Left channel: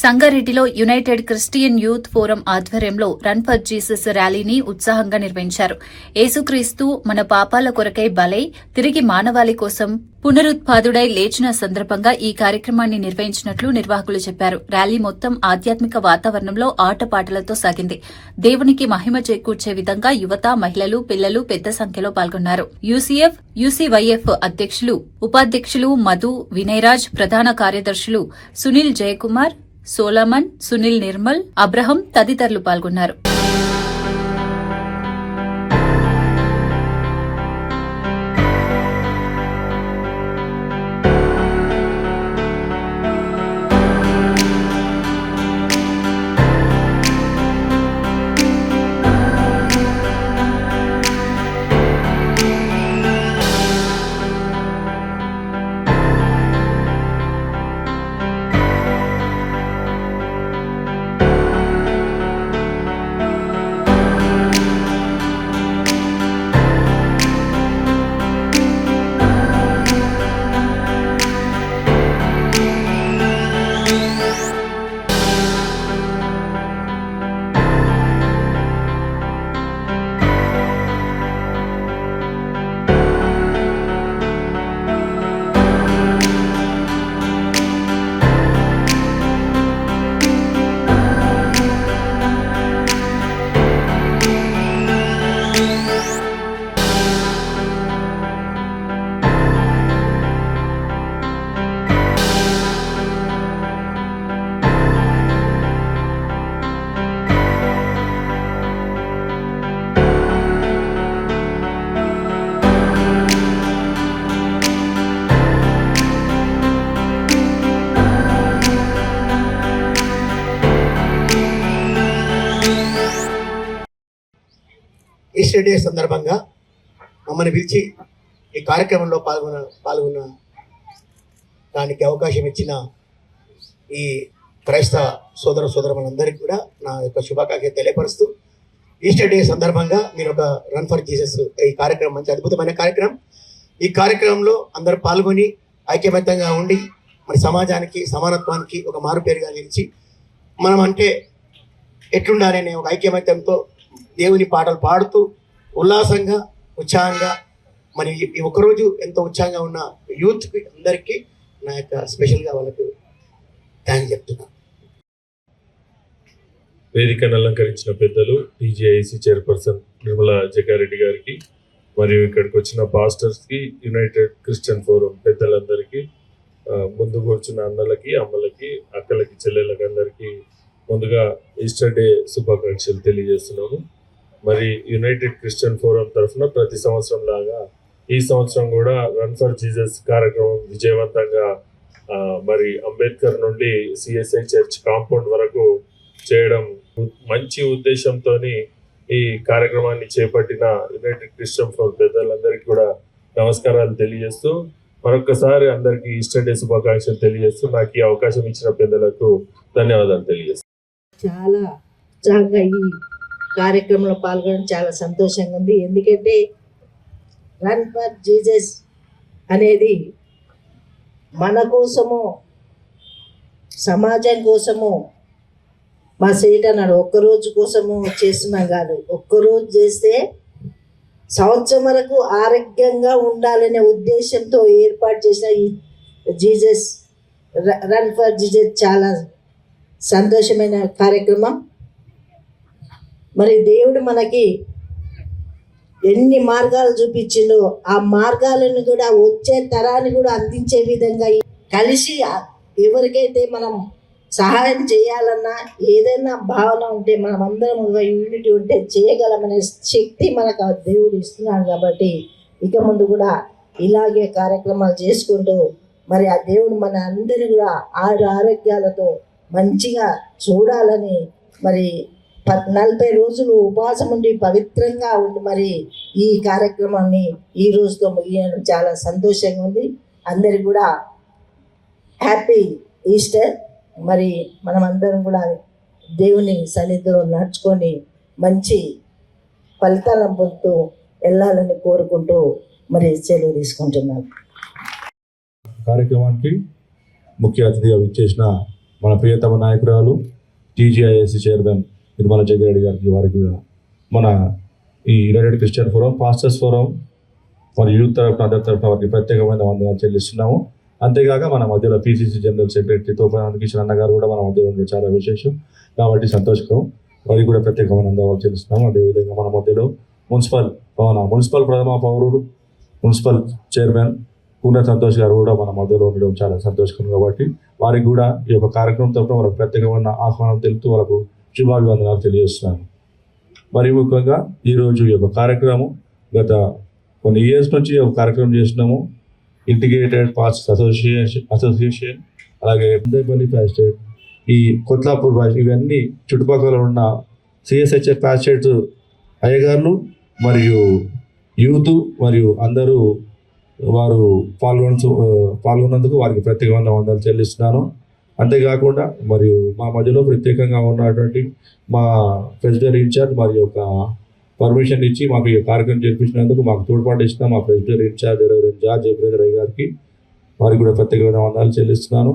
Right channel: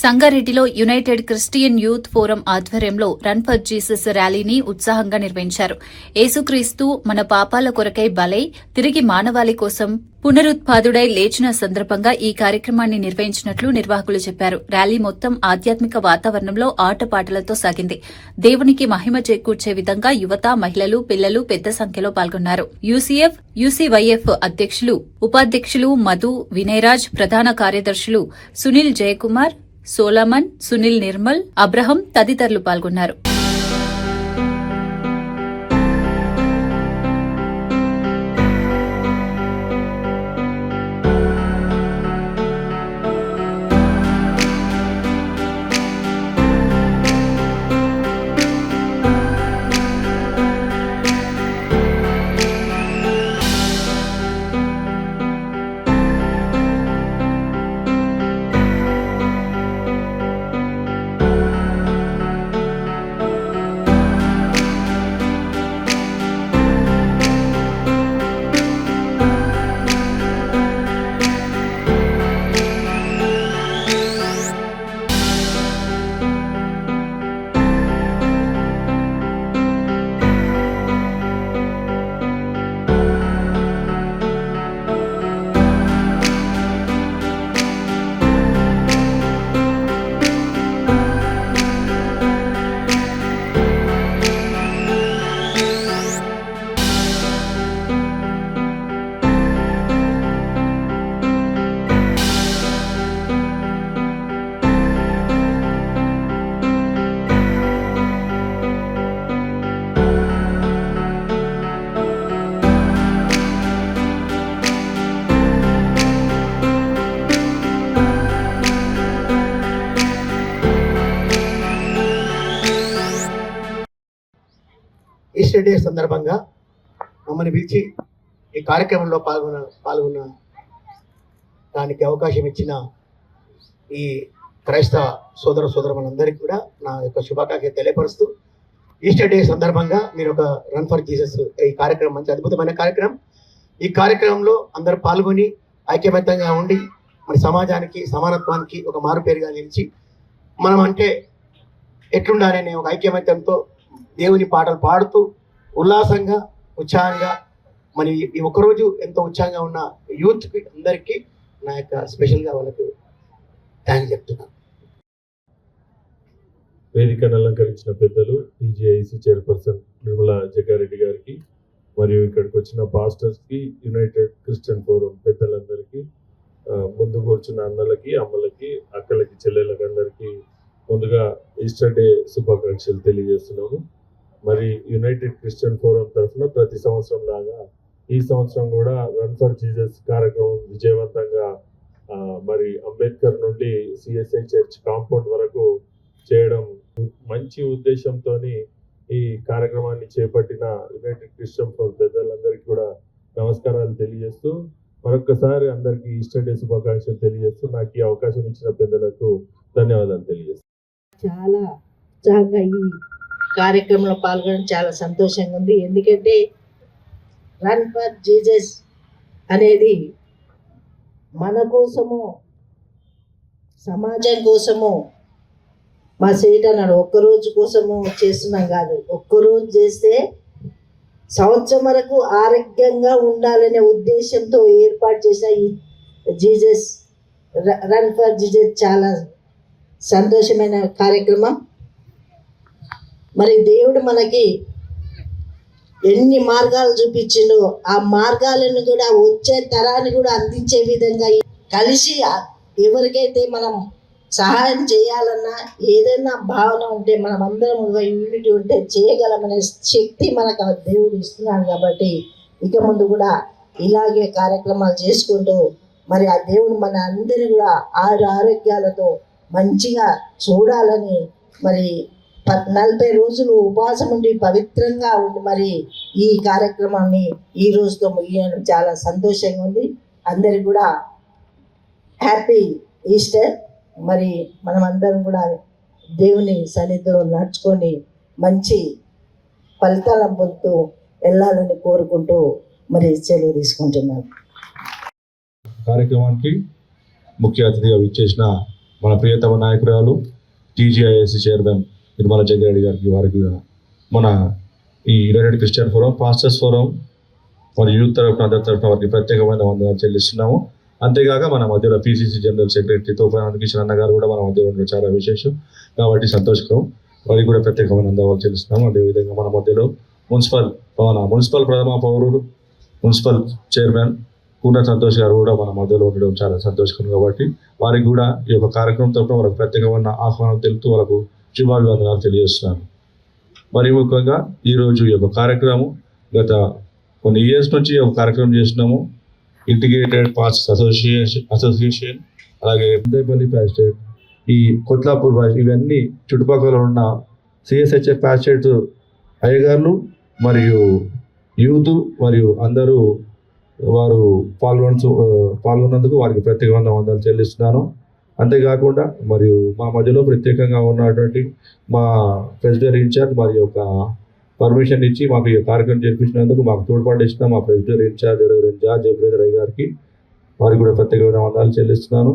సంగారెడ్డిలో United Christian youth forum ఆధ్వర్యంలో run for Jesus ర్యాలీని ఉత్సాహంగా నిర్వహించారు. యేసుక్రీస్తు మన పాపాల కొరకై బలై తిరిగి మానవాళి కోసం పునరుత్పాదుడై లేచిన సందర్భంగా ఈ కార్యక్రమాన్ని నిర్వహించినట్లు నిర్వాహకులు చెప్పారు. ర్యాలీ మొత్తం ఆధ్యాత్మిక వాతావరణంలో ఆటపాటలతో సాగింది. దేవునికి మహిమ చేకూర్చే విధంగా యువత, మహిళలు, పిల్లలు పెద్ద సంఖ్యలో పాల్గొన్నారు. యూసీఎఫ్, యూసీవైఎఫ్ అధ్యక్షులు, ఉపాధ్యక్షులు మధు, వినయరాజ్, ప్రధాన కార్యదర్శులు సునీల్ జయకుమార్, సోలమన్, సునీల్ నిర్మల్, అబ్రహం తదితరులు పాల్గొన్నారు. ఈస్టర్ డే సందర్భంగా మమ్మల్ని పిలిచి ఈ కార్యక్రమంలో పాల్గొన్న దానికి అవకాశం ఇచ్చిన ఈ క్రైస్తవ సోదరులందరికీ కూడా నా యొక్క శుభాకాంక్షలు తెలియపరుస్తూ, ఈస్టర్ డే సందర్భంగా మీరు ఒక రన్ ఫర్ జీసస్ ఈ కార్యక్రమం మంచి అద్భుతమైన కార్యక్రమం. ఈ కార్యక్రమంలో అందరూ పాల్గొని ఐక్యబద్ధంగా ఉండి మన సమాజానికి, సమానత్వానికి ఒక మారుపేరుగా నిలిచి మనం అంటే ఎట్లుండాలనే ఒక ఐక్యమత్యంతో దేవుని పాటలు పాడుతూ ఉల్లాసంగా, ఉత్సాహంగా మరి ఈ ఒక్కరోజు ఎంతో ఉత్సాహంగా ఉన్న యూత్కి అందరికీ నా యొక్క స్పెషల్గా వాళ్ళకు థ్యాంక్స్ చెప్తున్నాను. వేదికను అలంకరించిన పెద్దలు టీజీఐసి చైర్పర్సన్ నిర్మలా జగ్గారెడ్డి గారికి, మరియు ఇక్కడికి వచ్చిన పాస్టర్స్కి, యునైటెడ్ క్రిస్టియన్ ఫోరం పెద్దలందరికీ, ముందు కూర్చున్న అన్నలకి, అమ్మలకి, అక్కలకి, చెల్లెళ్ళకి అందరికీ ముందుగా ఈస్టర్ డే శుభాకాంక్షలు తెలియజేస్తున్నాను. మరి యునైటెడ్ క్రిస్టియన్ ఫోరం తరఫున ప్రతి సంవత్సరం లాగా ఈ సంవత్సరం కూడా రన్ ఫర్ జీసస్ కార్యక్రమం విజయవంతంగా మరి అంబేద్కర్ నుండి సిఎస్ఐ చర్చ్ కాంపౌండ్ వరకు చేయడం మంచి ఉద్దేశంతో ఈ కార్యక్రమాన్ని చేపట్టిన యునైటెడ్ క్రిస్టియన్ ఫోరం పెద్దలందరికీ కూడా నమస్కారాలు తెలియజేస్తూ, మరొకసారి అందరికీ ఈస్టర్ డే శుభాకాంక్షలు తెలియజేస్తూ నాకు ఈ అవకాశం ఇచ్చిన పెద్దలకు ధన్యవాదాలు తెలియజేస్తాను. చాలా ఉత్సాహంగా ఈ కార్యక్రమంలో పాల్గొనడం చాలా సంతోషంగా ఉంది. ఎందుకంటే రన్ ఫర్ జీసస్ అనేది మన కోసము, సమాజం కోసము మా సేట అన్నాడు, ఒక్కరోజు కోసము చేస్తున్నాం కాదు. ఒక్కరోజు చేస్తే సంవత్సరం వరకు ఆరోగ్యంగా ఉండాలనే ఉద్దేశంతో ఏర్పాటు చేసిన ఈ జీసస్ రన్ ఫర్ జీసస్ చాలా సంతోషమైన కార్యక్రమం. మరి దేవుడు మనకి ఎన్ని మార్గాలు చూపించిండో ఆ మార్గాలను కూడా వచ్చే తరాన్ని కూడా అందించే విధంగా కలిసి ఎవరికైతే మనం సహాయం చేయాలన్నా, ఏదైనా భావన ఉంటే, మనం అందరం యూనిటీ ఉంటే చేయగలమనే శక్తి మనకు ఆ దేవుడు ఇస్తున్నాడు. కాబట్టి ఇక ముందు కూడా ఇలాగే కార్యక్రమాలు చేసుకుంటూ మరి ఆ దేవుడు మన అందరి కూడా ఆరోగ్యాలతో మంచిగా చూడాలని, మరి 40 రోజులు ఉపవాసం ఉండి పవిత్రంగా ఉండి మరి ఈ కార్యక్రమాన్ని ఈ రోజుతో ముగియడం చాలా సంతోషంగా ఉంది. అందరికి కూడా హ్యాపీ ఈస్టర్. మరి మనమందరం కూడా దేవుని సన్నిధిలో నడుచుకొని మంచి ఫలితాలను పొందుతూ వెళ్ళాలని కోరుకుంటూ మరి సెలవు తీసుకుంటున్నాను. కార్యక్రమానికి ముఖ్య అతిథిగా విచ్చేసిన మన ప్రియతమ నాయకురాలు టీజీఐఎస్సీ చైర్మన్ నిర్మలా జగ్గారెడ్డి గారికి, వారికి మన ఈ United Christian forum, pastors forum మరియు యూత్ తరఫున అందరి తరఫున వారికి ప్రత్యేకమైన వందనాలు చెల్లిస్తున్నాము. అంతేగాక మన మధ్యలో పిసిసి జనరల్ సెక్రటరీ తోపానంద కిషన్ అన్న గారు కూడా మన మధ్యలో ఉండడం చాలా విశేషం కాబట్టి సంతోషకరం. వారికి కూడా ప్రత్యేకమైన వందనాలు చెల్లిస్తున్నాము. అదేవిధంగా మన మధ్యలో మున్సిపల్ ప్రథమ పౌరుడు, మున్సిపల్ చైర్మన్ పూర్ణ సంతోష్ గారు కూడా మన మధ్యలో ఉండడం చాలా సంతోషకరం కాబట్టి వారికి కూడా ఈ యొక్క కార్యక్రమం తరఫున వాళ్ళకి ప్రత్యేకమైన ఆహ్వానం తెలుపుతూ వాళ్ళకు శుభాభివందనాలు తెలియజేస్తున్నాను. మరి ముఖ్యంగా ఈరోజు ఈ యొక్క కార్యక్రమం గత కొన్ని ఇయర్స్ నుంచి ఒక కార్యక్రమం చేస్తున్నాము. ఇంటిగ్రేటెడ్ పాస్టర్స్ అసోసియేషన్ అలాగే పెద్దపల్లి ప్యాస్టేట్, ఈ కొత్లాపూర్ ఇవన్నీ చుట్టుపక్కల ఉన్న సిఎస్హెచ్ఎఫ్ ప్యాస్టేట్స్ అయ్యగారులు మరియు యూత్ మరియు అందరూ వారు పాల్గొన్నందుకు వారికి ప్రత్యేకమైన వందనాలు చెల్లిస్తున్నాను. అంతేకాకుండా మరియు మా మధ్యలో ప్రత్యేకంగా ఉన్నటువంటి మా ప్రెసిడెంట్ ఇన్ఛార్జ్ మరియు ఒక పర్మిషన్ ఇచ్చి మాకు ఈ కార్యక్రమం జరిపించినందుకు మాకు తోడ్పాటు ఇచ్చిన మా ప్రెసిడెంట్ ఇన్ఛార్జ్ జార్జ్ జయప్రద గారికి వారికి కూడా ప్రత్యేకమైన వందనాలు చెల్లిస్తున్నాను.